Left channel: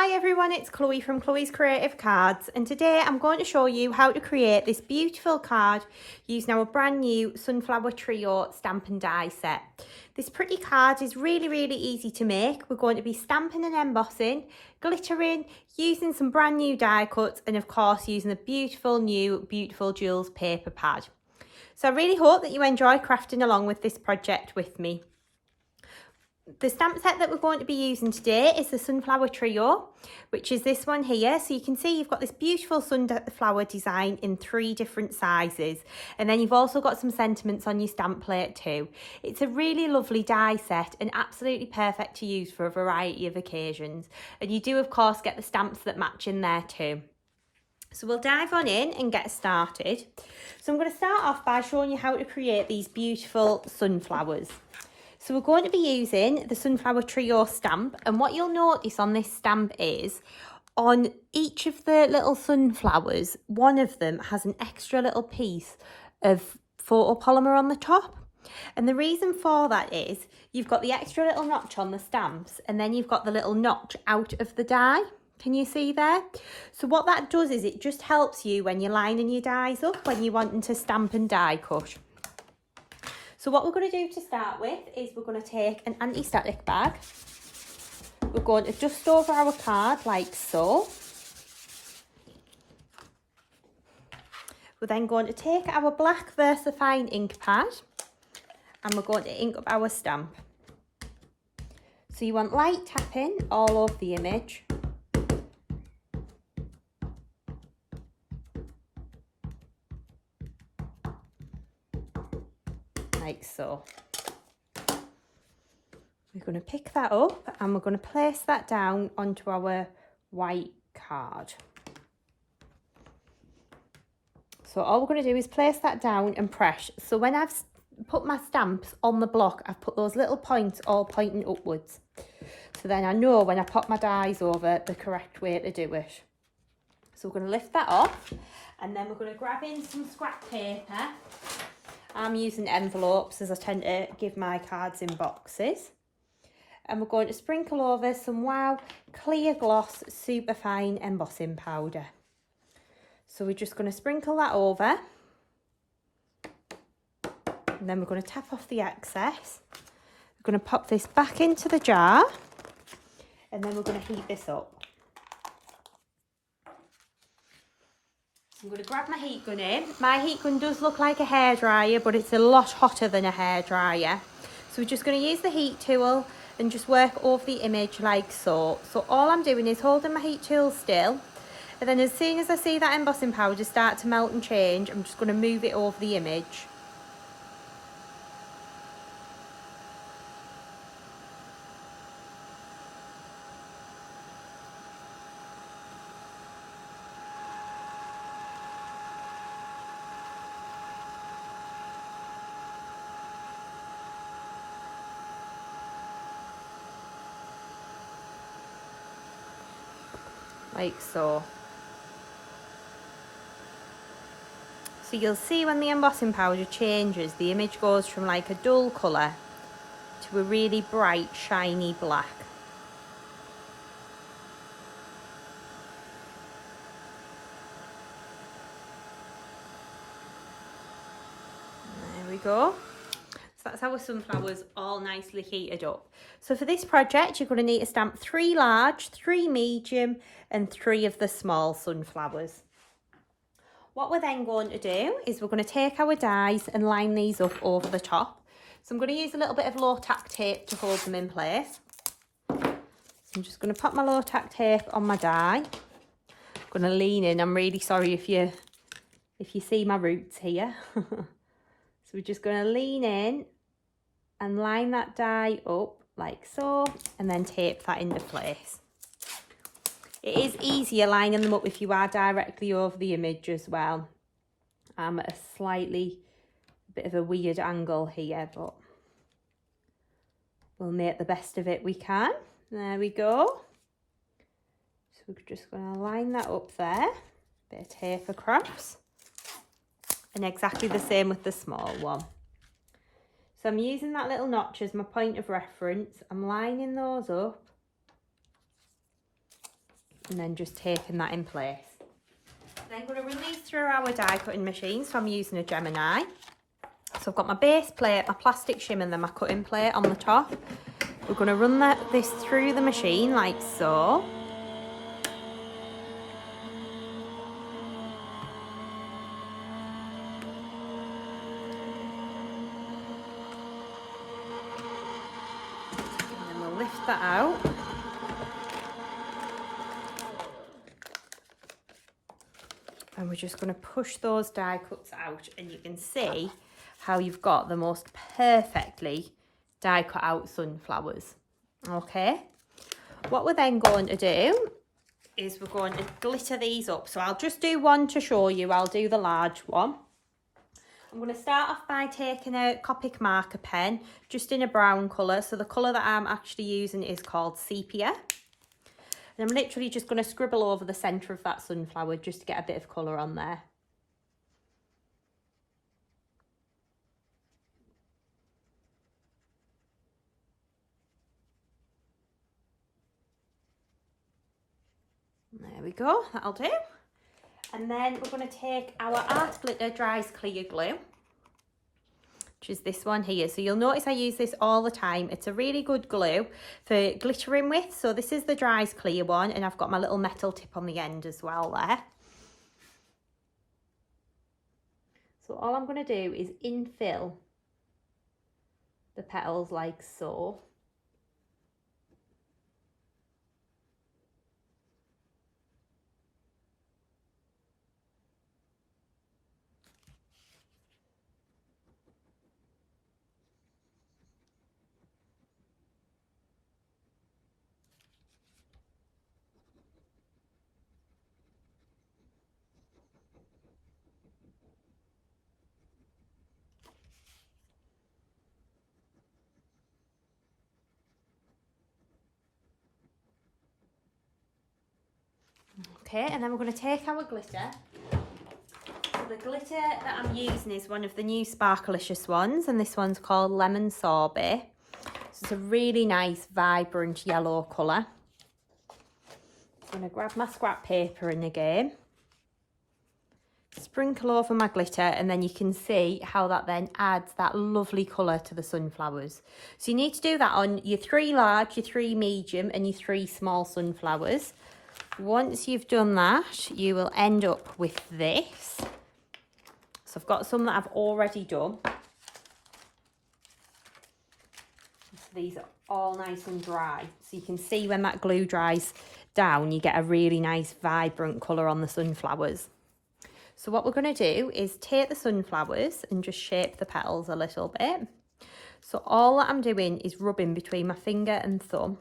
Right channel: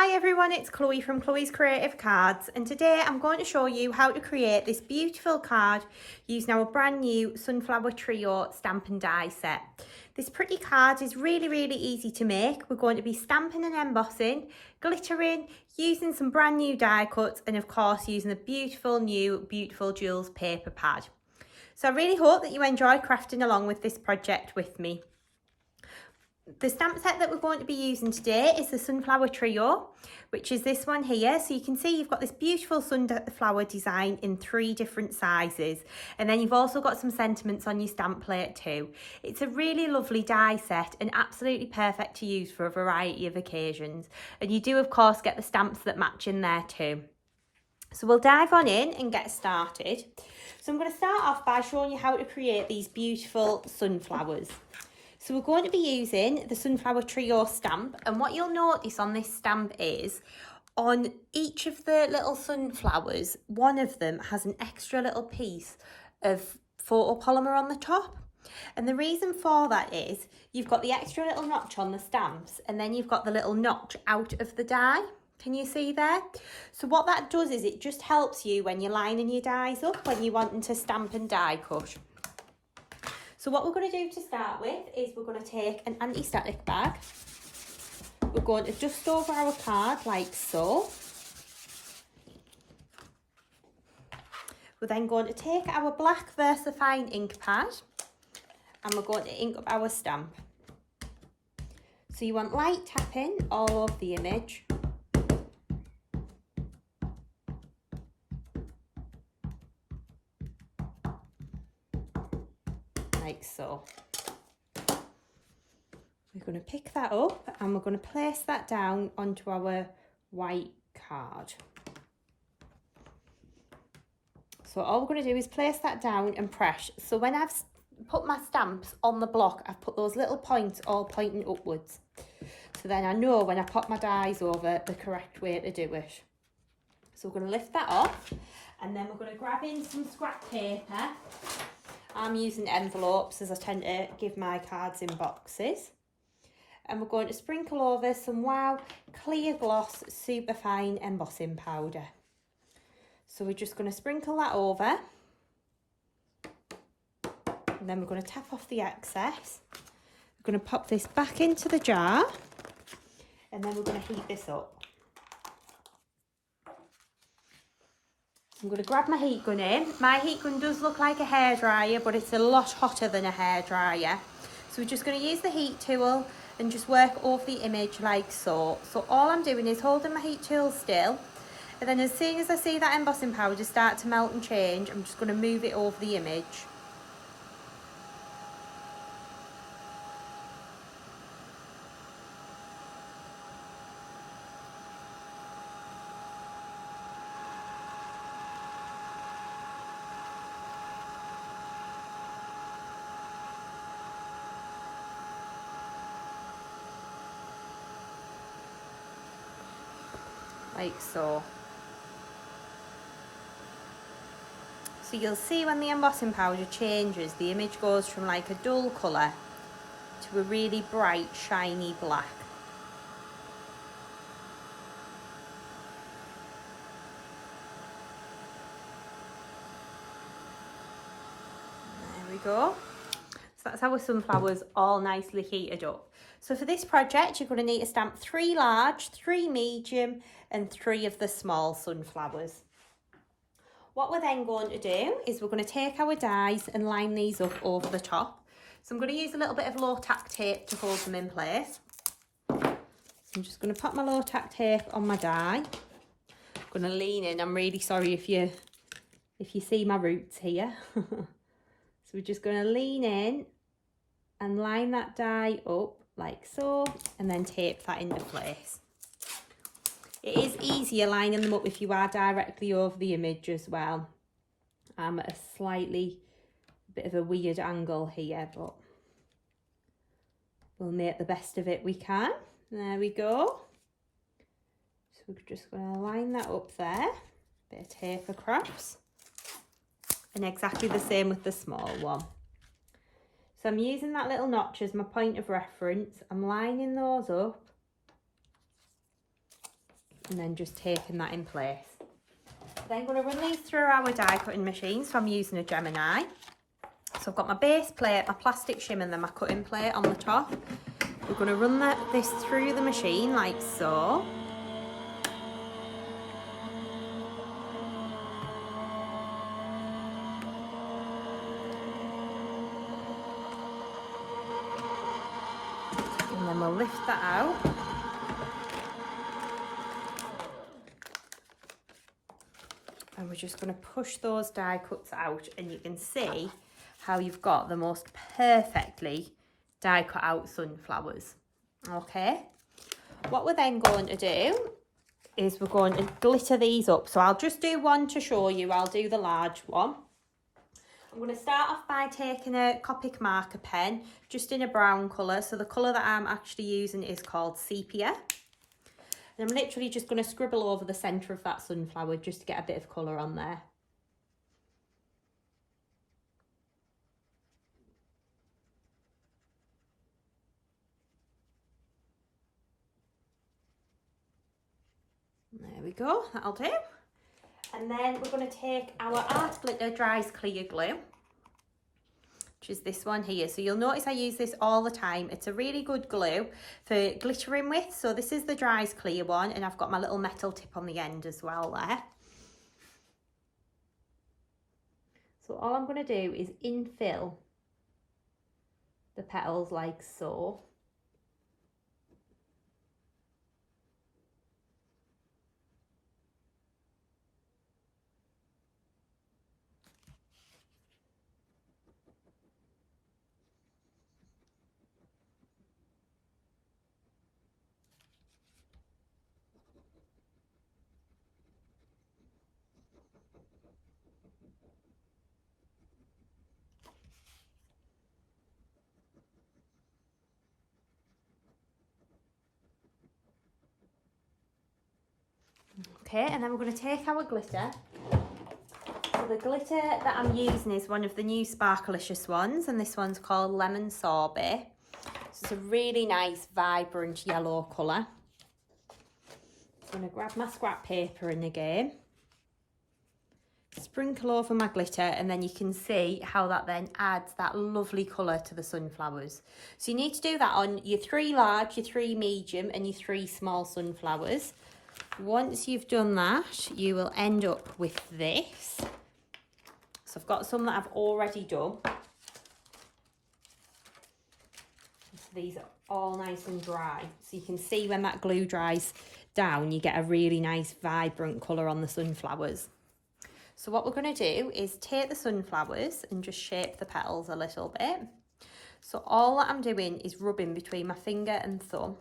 Hi everyone, it's Chloe from Chloe's Creative Cards, and today I'm going to show you how to create this beautiful card using our brand new Sunflower Trio stamp and die set. This pretty card is really easy to make. We're going to be stamping and embossing, glittering, using some brand new die cuts, and of course using the beautiful Jewels paper pad. So I really hope that you enjoy crafting along with this project with me. The stamp set that we're going to be using today is the Sunflower Trio, which is this one here. So you can see you've got this beautiful sunflower design in 3 different sizes. And then you've also got some sentiments on your stamp plate too. It's a really lovely die set and absolutely perfect to use for a variety of occasions. And you do of course get the stamps that match in there too. So we'll dive on in and get started. So I'm going to start off by showing you how to create these beautiful sunflowers. So we're going to be using the Sunflower Trio stamp, and what you'll notice on this stamp is on each of the little sunflowers, one of them has an extra little piece of photopolymer on the top. And the reason for that is you've got the extra little notch on the stamps, and then you've got the little notch out of the die. Can you see there? So what that does is it just helps you when you're lining your dies up, when you're wanting to stamp and die cut. So what we're going to do to start with is we're going to take an anti-static bag. We're going to dust over our card like so. We're then going to take our black VersaFine ink pad and we're going to ink up our stamp. So you want light tapping all over the image. Like so. We're going to pick that up and we're going to place that down onto our white card. So all we're going to do is place that down and press. So when I've put my stamps on the block, I've put those little points all pointing upwards. So then I know when I pop my dies over the correct way to do it. So we're going to lift that off and then we're going to grab in some scrap paper. I'm using envelopes as I tend to give my cards in boxes. And we're going to sprinkle over some Wow Clear Gloss Superfine Embossing Powder. So we're just going to sprinkle that over. And then we're going to tap off the excess. We're going to pop this back into the jar. And then we're going to heat this up. I'm going to grab my heat gun in. My heat gun does look like a hairdryer, but it's a lot hotter than a hairdryer. So we're just going to use the heat tool and just work over the image like so. So all I'm doing is holding my heat tool still. And then as soon as I see that embossing powder start to melt and change, I'm just going to move it over the image. Like so. So you'll see when the embossing powder changes, the image goes from like a dull colour to a really bright, shiny black. There we go. So that's our sunflowers all nicely heated up. So for this project, you're going to need to stamp 3 large, 3 medium and 3 of the small sunflowers. What we're then going to do is we're going to take our dies and line these up over the top. So I'm going to use a little bit of low tack tape to hold them in place. So I'm just going to pop my low tack tape on my die. I'm going to lean in. I'm really sorry if you see my roots here. So we're just going to lean in and line that die up like so, and then tape that into place. It is easier lining them up if you are directly over the image as well. I'm at a bit of a weird angle here, but we'll make the best of it we can. There we go. So we're just going to line that up there, bit of tape across. And exactly the same with the small one. So I'm using that little notch as my point of reference. I'm lining those up and then just taking that in place. Then I'm going to run these through our die cutting machine, so I'm using a Gemini. So I've got my base plate, my plastic shim, and then my cutting plate on the top. We're going to run this through the machine like so. And then we'll lift that out. And we're just going to push those die cuts out, and you can see how you've got the most perfectly die cut out sunflowers. Okay, what we're then going to do is we're going to glitter these up. So I'll just do one to show you. I'll do the large one. I'm going to start off by taking a Copic marker pen, just in a brown colour. So the colour that I'm actually using is called Sepia. And I'm literally just going to scribble over the centre of that sunflower just to get a bit of colour on there. There we go, that'll do. And then we're going to take our Art Glitter Dries Clear Glue, which is this one here. So you'll notice I use this all the time. It's a really good glue for glittering with. So this is the Dries Clear one, and I've got my little metal tip on the end as well there. So all I'm going to do is infill the petals like so. Okay, and then we're going to take our glitter. So the glitter that I'm using is one of the new Sparkelicious ones, and this one's called Lemon Sorbet. So it's a really nice, vibrant yellow colour. I'm going to grab my scrap paper in again, sprinkle over my glitter, and then you can see how that then adds that lovely colour to the sunflowers. So you need to do that on your 3 large, your 3 medium, and your 3 small sunflowers. Once you've done that, you will end up with this. So I've got some that I've already done. So these are all nice and dry. So you can see when that glue dries down, you get a really nice vibrant colour on the sunflowers. So what we're going to do is take the sunflowers and just shape the petals a little bit. So all that I'm doing is rubbing between my finger and thumb.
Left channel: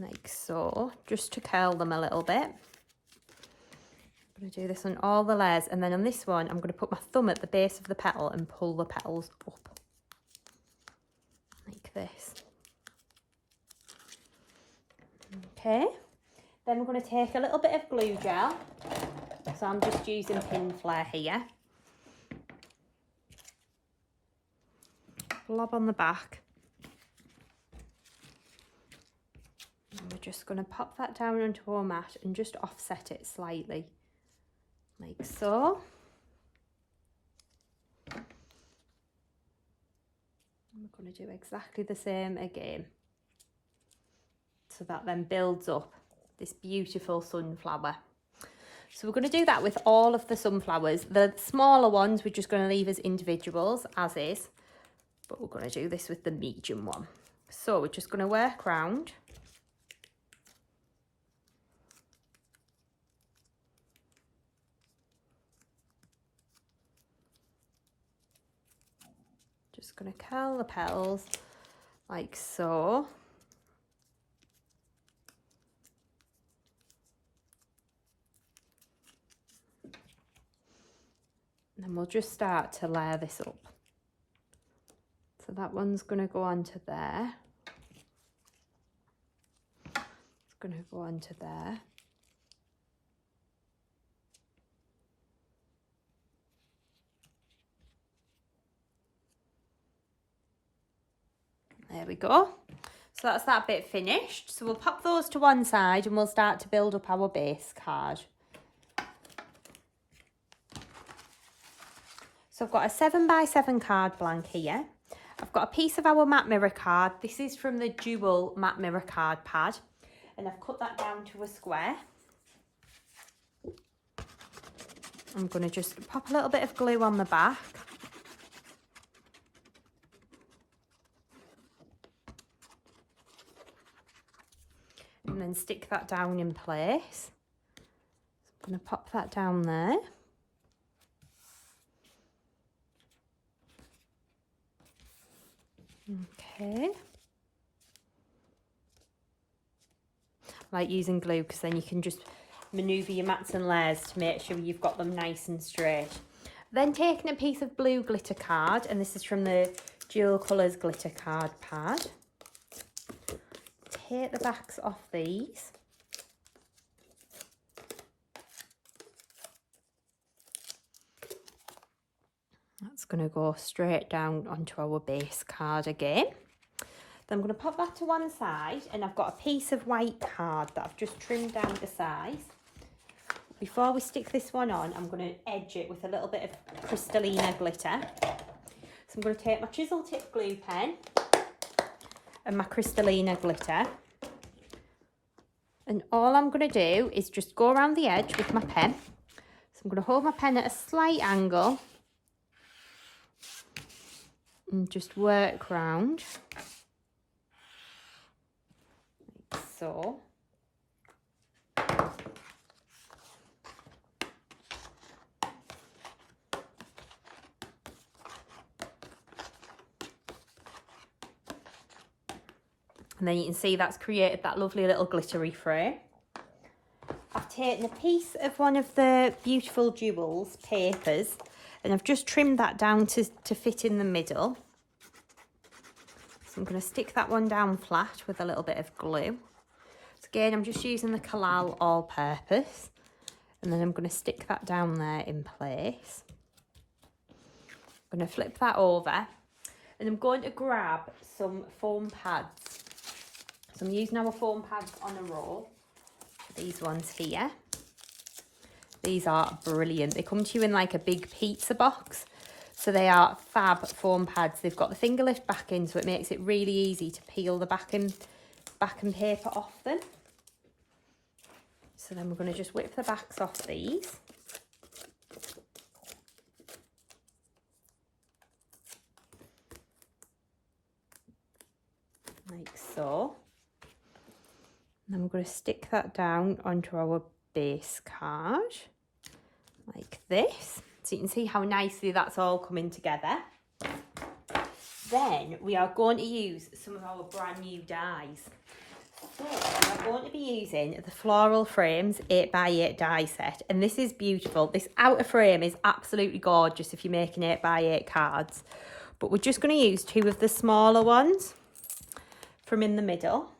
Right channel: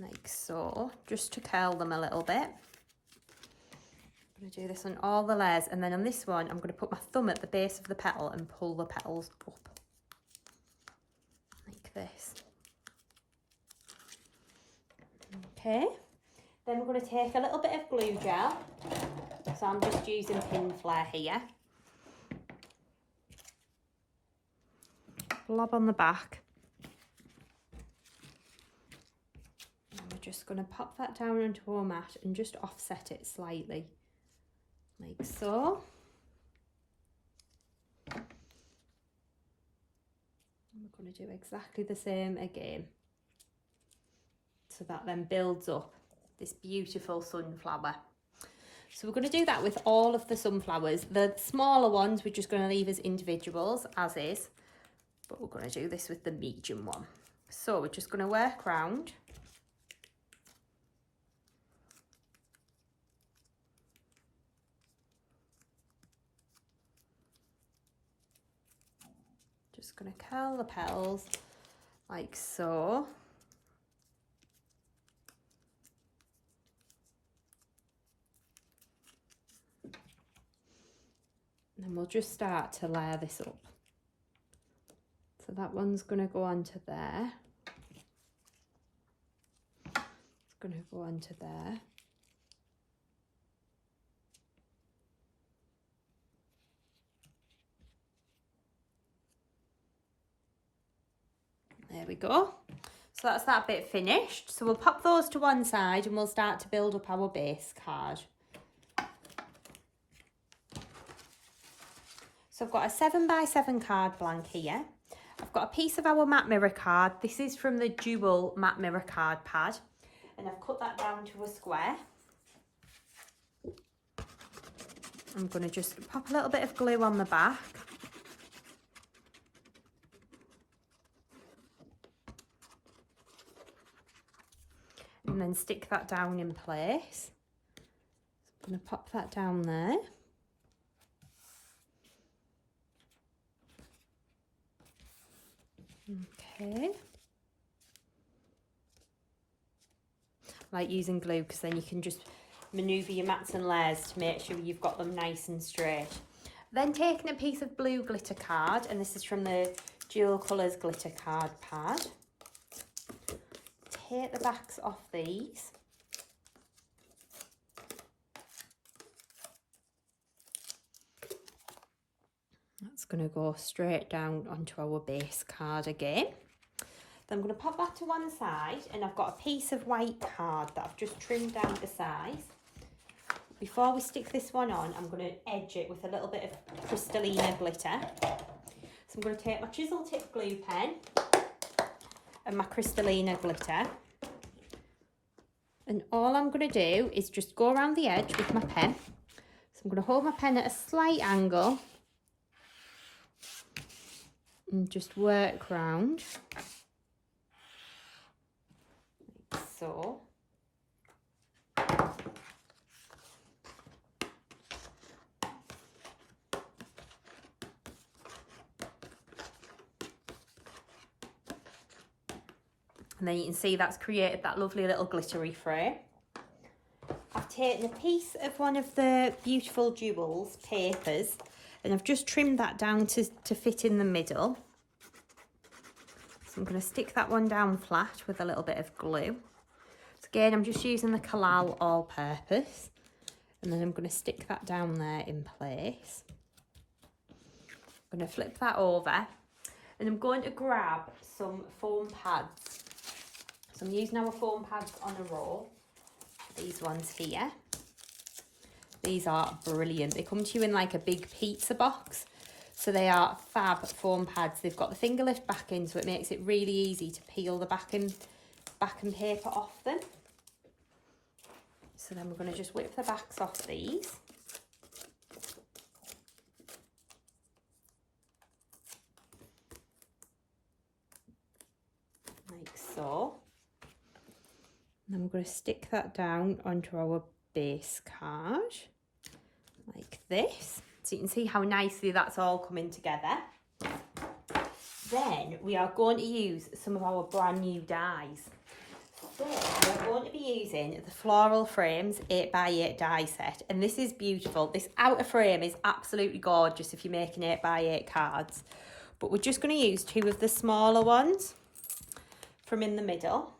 Like so, just to curl them a little bit. I'm going to do this on all the layers, and then on this one I'm going to put my thumb at the base of the petal and pull the petals up like this. Okay, then we're going to take a little bit of glue gel. So I'm just using Pin Flare here. Blob on the back. We're just going to pop that down onto our mat and just offset it slightly, like so. And we're going to do exactly the same again. So that then builds up this beautiful sunflower. So we're going to do that with all of the sunflowers. The smaller ones we're just going to leave as individuals, as is. But we're going to do this with the medium one. So we're just going to work round. Just going to curl the petals like so. And then we'll just start to layer this up. So that one's going to go onto there. It's going to go onto there. we go. So that's that bit finished. So we'll pop those to one side and we'll start to build up our base card. So I've got a 7x7 card blank here. I've got a piece of our matte mirror card. This is from the Dual matte mirror card pad. And I've cut that down to a square. I'm going to just pop a little bit of glue on the back. And then stick that down in place. So I'm going to pop that down there. Okay. I like using glue because then you can just manoeuvre your mats and layers to make sure you've got them nice and straight. Then taking a piece of blue glitter card, and this is from the Dual Colours glitter card pad. Take the backs off these. That's going to go straight down onto our base card again. Then I'm going to pop that to one side, and I've got a piece of white card that I've just trimmed down to size. Before we stick this one on, I'm going to edge it with a little bit of Crystallina glitter. So I'm going to take my chisel tip glue pen and my Crystallina glitter. And all I'm going to do is just go around the edge with my pen. So I'm going to hold my pen at a slight angle and just work round, like so. And then you can see that's created that lovely little glittery frame. I've taken a piece of one of the beautiful Duals papers and I've just trimmed that down to fit in the middle. So I'm going to stick that one down flat with a little bit of glue. So again, I'm just using the Collal all-purpose. And then I'm going to stick that down there in place. I'm going to flip that over. And I'm going to grab some foam pads. So I'm using our foam pads on a roll. These ones here. These are brilliant. They come to you in like a big pizza box. So they are fab foam pads. They've got the finger lift backing, so it makes it really easy to peel the backing paper off them. So then we're going to just whip the backs off these. Like so. And then we're going to stick that down onto our base card, like this. So you can see how nicely that's all coming together. Then we are going to use some of our brand new dies. So we're going to be using the Floral Frames 8x8 die set. And this is beautiful. This outer frame is absolutely gorgeous if you're making 8x8 cards. But we're just going to use two of the smaller ones from in the middle.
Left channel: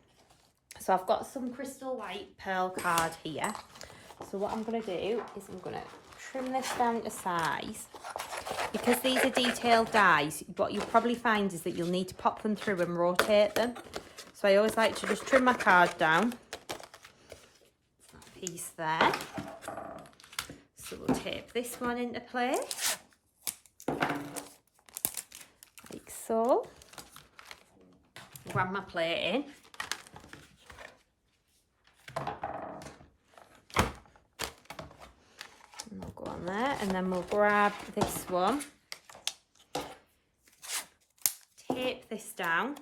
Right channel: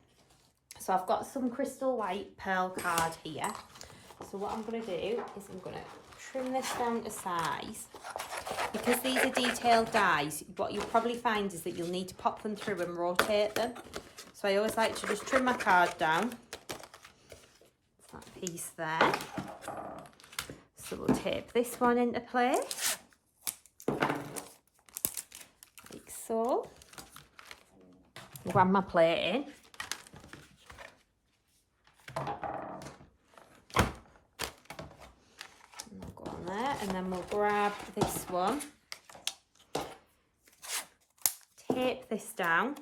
So I've got some crystal white pearl card here. So what I'm going to do is I'm going to trim this down to size. Because these are detailed dies, what you'll probably find is that you'll need to pop them through and rotate them. So I always like to just trim my card down. That piece there. So we'll tape this one into place. Like so. Grab my plate in. There, and then we'll grab this one, tape this down,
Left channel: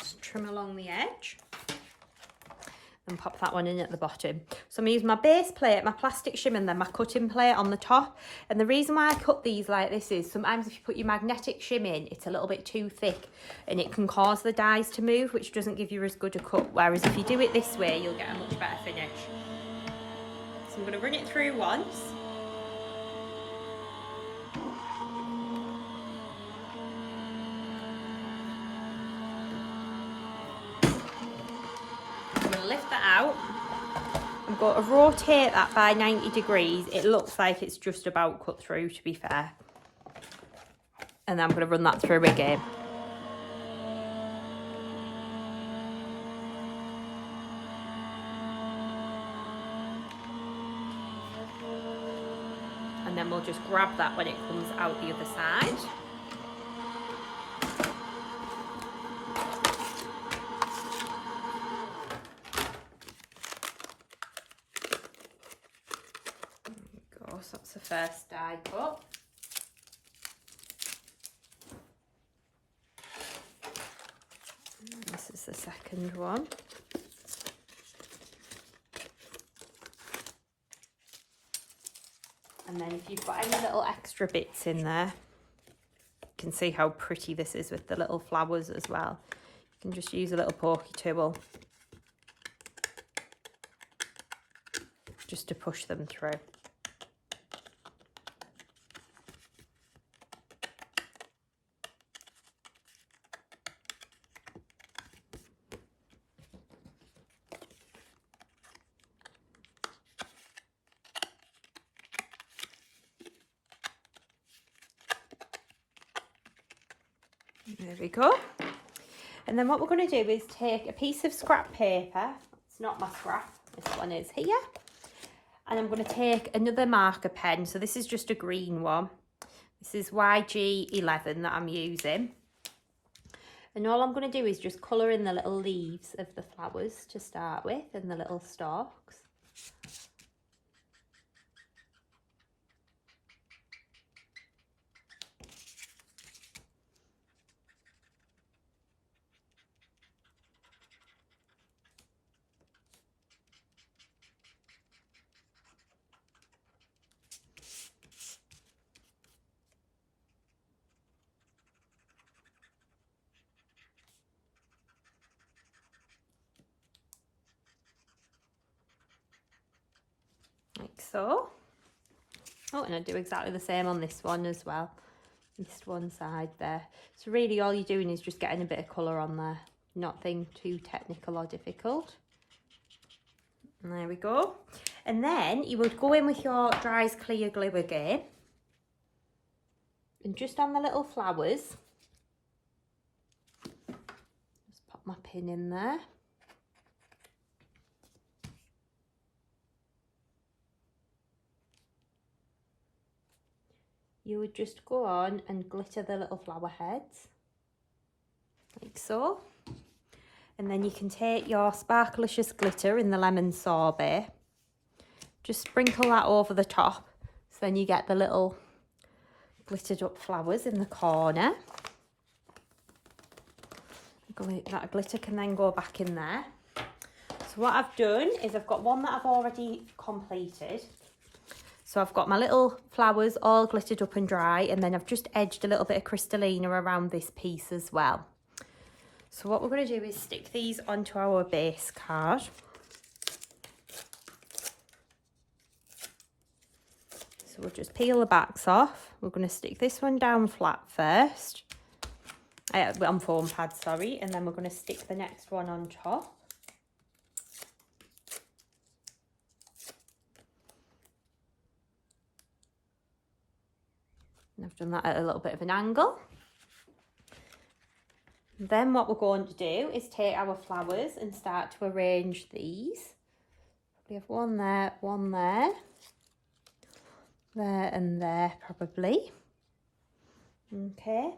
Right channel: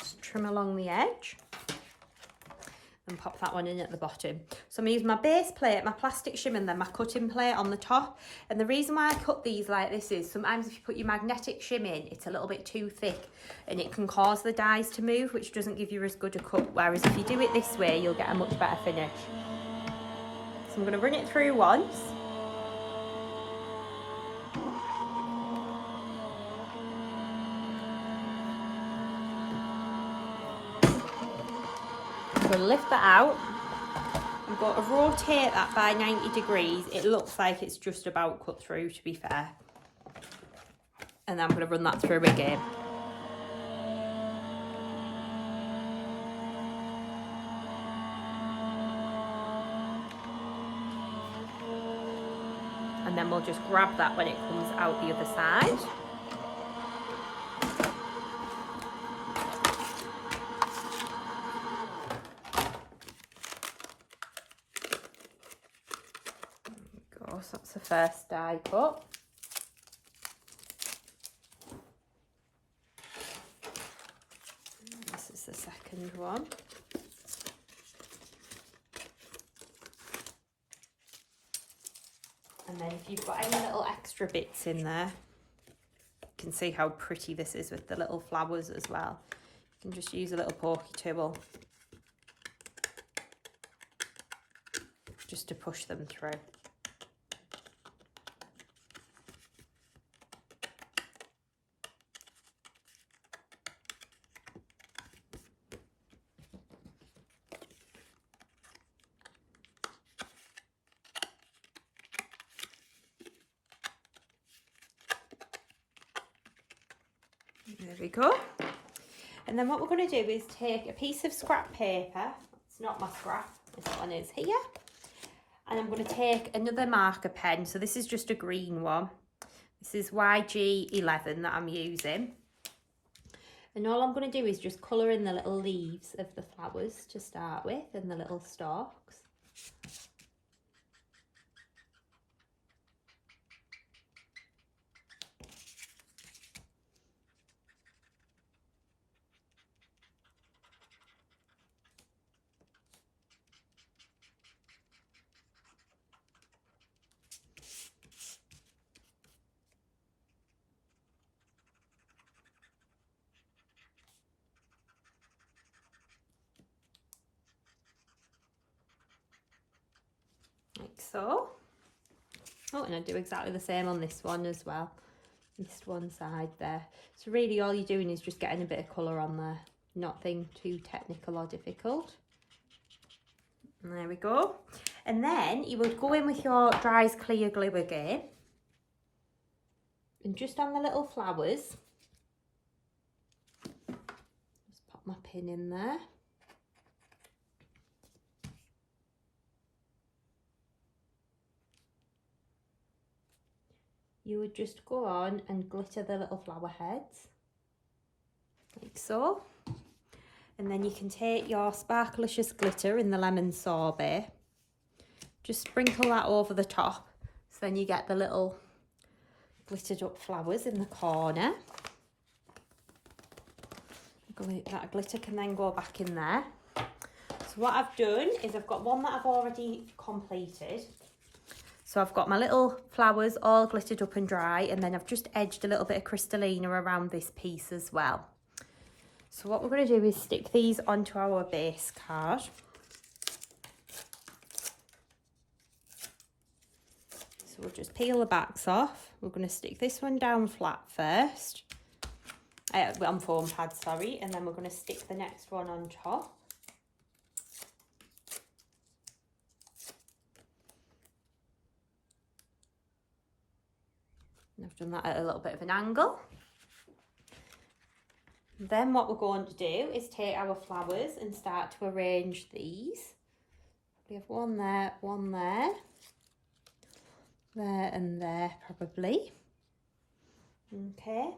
just trim along the edge and pop that one in at the bottom. So I'm using my base plate, my plastic shim, and then my cutting plate on the top. And the reason why I cut these like this is sometimes if you put your magnetic shim in, it's a little bit too thick and it can cause the dies to move, which doesn't give you as good a cut. Whereas if you do it this way, you'll get a much better finish. So I'm going to run it through once. going to lift that out. I'm going to rotate that by 90 degrees. It looks like it's just about cut through, to be fair. And then I'm going to run that through again. And then we'll just grab that when it comes out the other side. There we go, so that's the first die cut. This is the second one. And then if you've got any little extra bits in there, you can see how pretty this is with the little flowers as well. You can just use a little pokey tool just to push them through. There we go. And then what we're going to do is take a piece of scrap paper. It's not my scrap, this one is here. And I'm going to take another marker pen. So this is just a green one. This is YG11 that I'm using. And all I'm going to do is just colour in the little leaves of the flowers to start with and the little stalks. Like so. Oh, and I do exactly the same on this one as well. Missed one side there. So really all you're doing is just getting a bit of colour on there. Nothing too technical or difficult. And there we go. And then you would go in with your Dries Clear Glue again. And just on the little flowers, just pop my pin in there. You would just go on and glitter the little flower heads, like so. And then you can take your Sparkelicious glitter in the lemon sorbet, just sprinkle that over the top, so then you get the little glittered up flowers in the corner. That glitter can then go back in there. So what I've done is I've got one that I've already completed. So I've got my little flowers all glittered up and dry, and then I've just edged a little bit of Crystallina around this piece as well. So what we're going to do is stick these onto our base card. So we'll just peel the backs off. We're going to stick this one down flat first, on foam pad, sorry, and then we're going to stick the next one on top. And I've done that at a little bit of an angle. Then what we're going to do is take our flowers and start to arrange these. We have one there, there and there probably. Okay.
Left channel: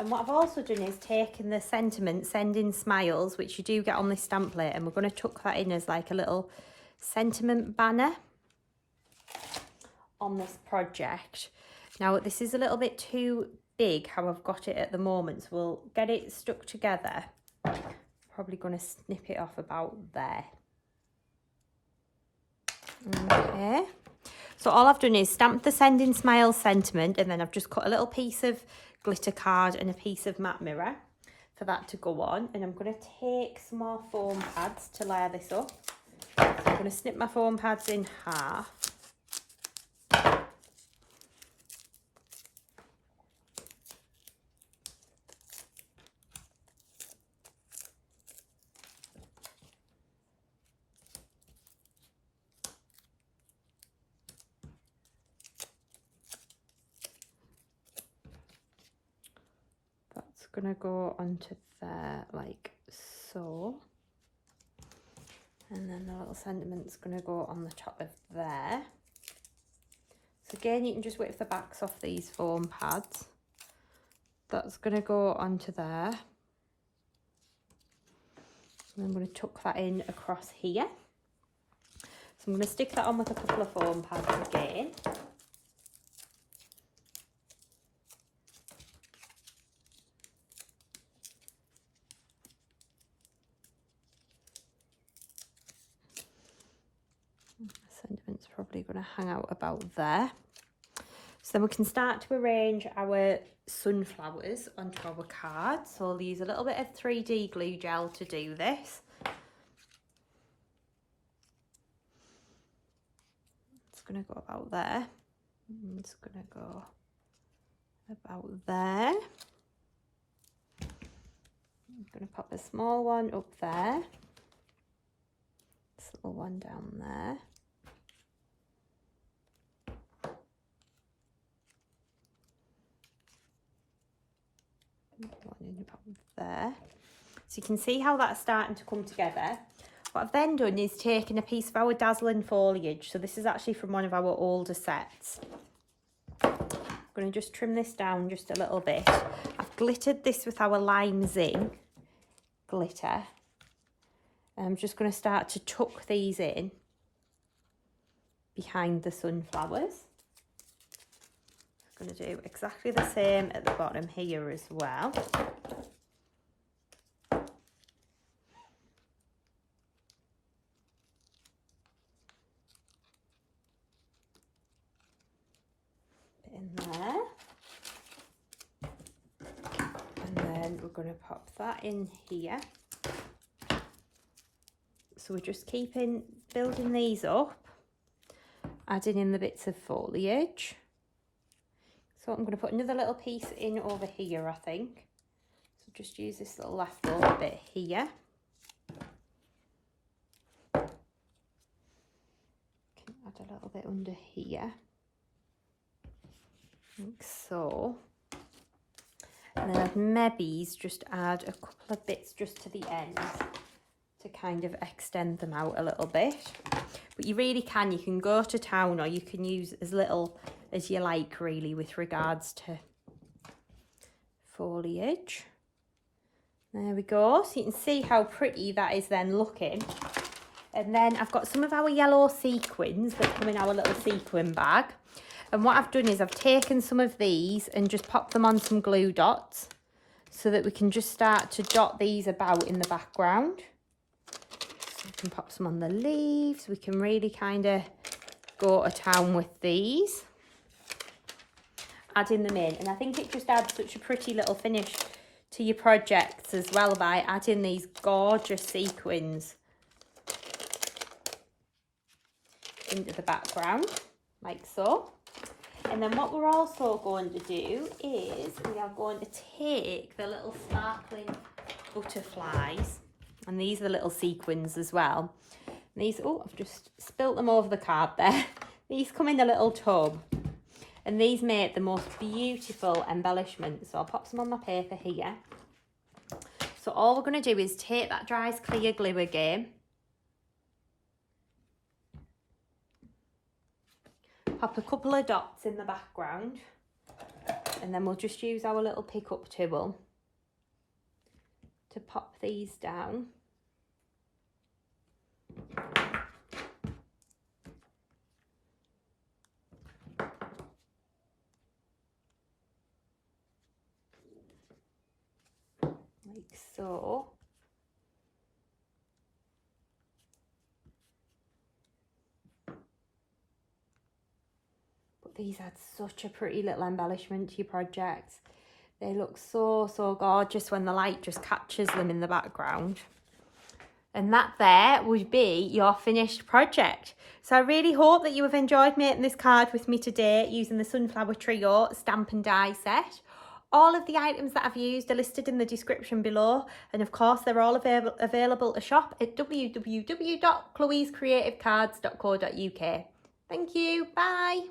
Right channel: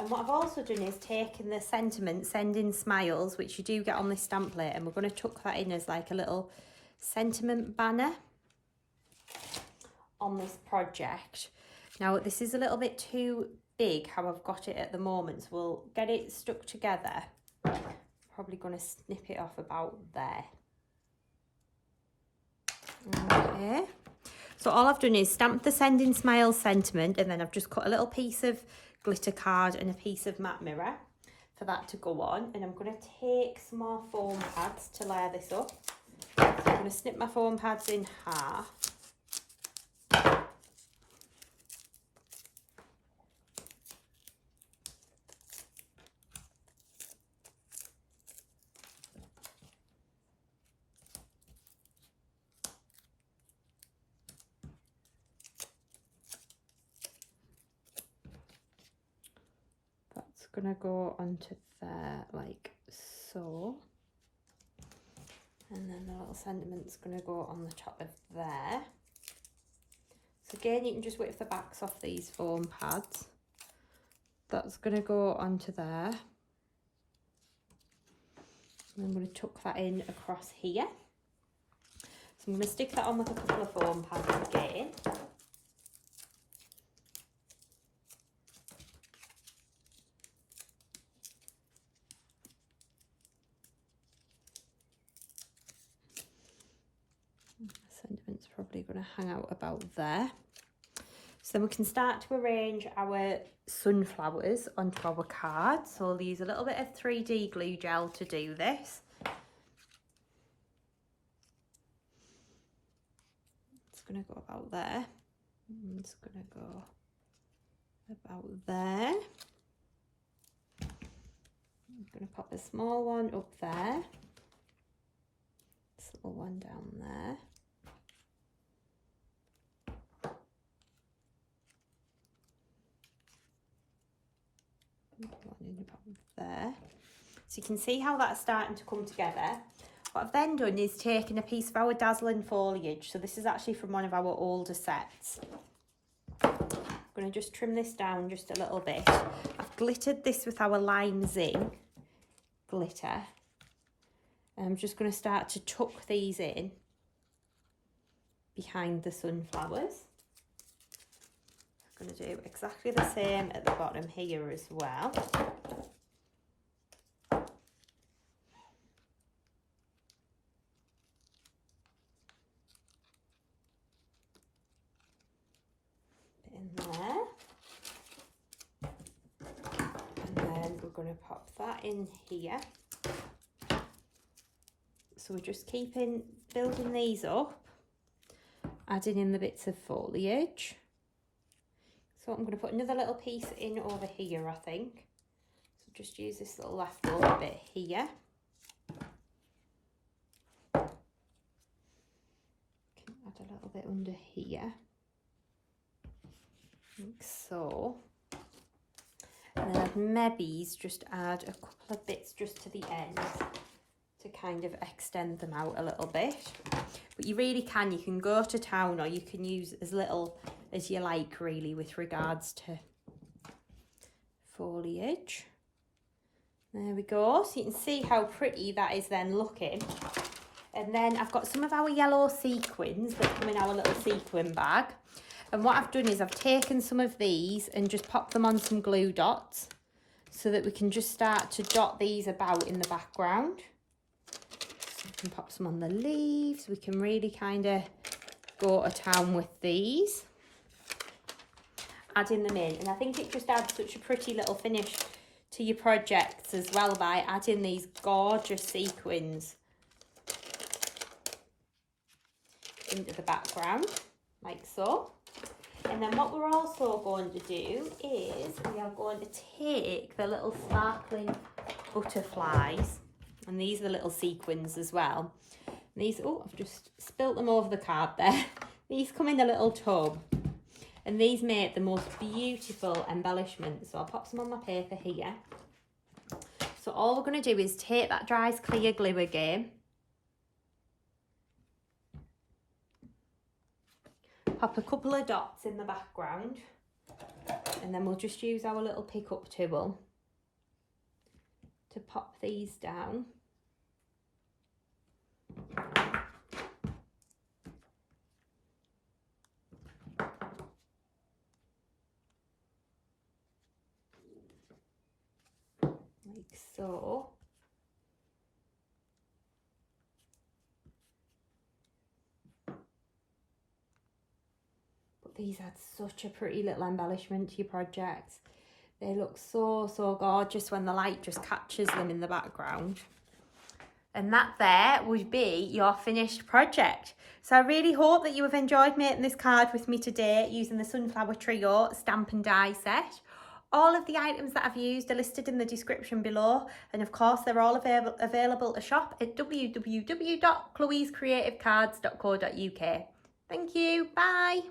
And what I've also done is taken the sentiment, Sending Smiles, which you do get on this stamp plate, and we're going to tuck that in as like a little sentiment banner on this project. Now this is a little bit too big how I've got it at the moment, so we'll get it stuck together. Probably going to snip it off about there. Okay, so all I've done is stamp the Sending Smiles sentiment, and then I've just cut a little piece of glitter card and a piece of matte mirror for that to go on. And I'm going to take some more foam pads to layer this up. So I'm going to snip my foam pads in half. going to go onto there like so. And then the little sentiment's going to go on the top of there. So again, you can just whip the backs off these foam pads. That's going to go onto there. And I'm going to tuck that in across here. So I'm going to stick that on with a couple of foam pads again. Sentiment's probably going to hang out about there. So then we can start to arrange our sunflowers onto our card. So I'll use a little bit of 3D glue gel to do this. It's going to go about there. It's going to go about there. I'm going to pop a small one up there. This little one down there. There, so you can see how that's starting to come together. What I've then done is taken a piece of our dazzling foliage. So this is actually from one of our older sets. I'm going to just trim this down just a little bit. I've glittered this with our lime zing glitter. I'm just going to start to tuck these in behind the sunflowers. I'm going to do exactly the same at the bottom here as well. Bit in there. And then we're going to pop that in here. So we're just building these up, adding in the bits of foliage. So I'm going to put another little piece in over here, I think. So just use this little leftover bit here. Can add a little bit under here, like so. And then I'd maybe just add a couple of bits just to the end to kind of extend them out a little bit. But you can go to town, or you can use as little as you like really with regards to foliage. There we go. So you can see how pretty that is then looking. And then I've got some of our yellow sequins that come in our little sequin bag. And what I've done is I've taken some of these and just popped them on some glue dots so that we can just start to dot these about in the background. So we can pop some on the leaves. We can really kind of go to town with these. Adding them in, and I think it just adds such a pretty little finish to your projects as well by adding these gorgeous sequins into the background like so. And then what we're also going to do is we are going to take the little sparkling butterflies, and these are the little sequins as well. And these, oh, I've just spilt them over the card there. These come in a little tub. And these make the most beautiful embellishments. So I'll pop some on my paper here. So all we're going to do is take that dry as clear glue again. Pop a couple of dots in the background. And then we'll just use our little pick up tool to pop these down. Like so. But these add such a pretty little embellishment to your projects. They look so, so gorgeous when the light just catches them in the background. And that there would be your finished project. So I really hope that you have enjoyed making this card with me today using the Sunflower Trio stamp and die set. All of the items that I've used are listed in the description below, and of course they're all available to shop at www.chloescreativecards.co.uk. Thank you, bye.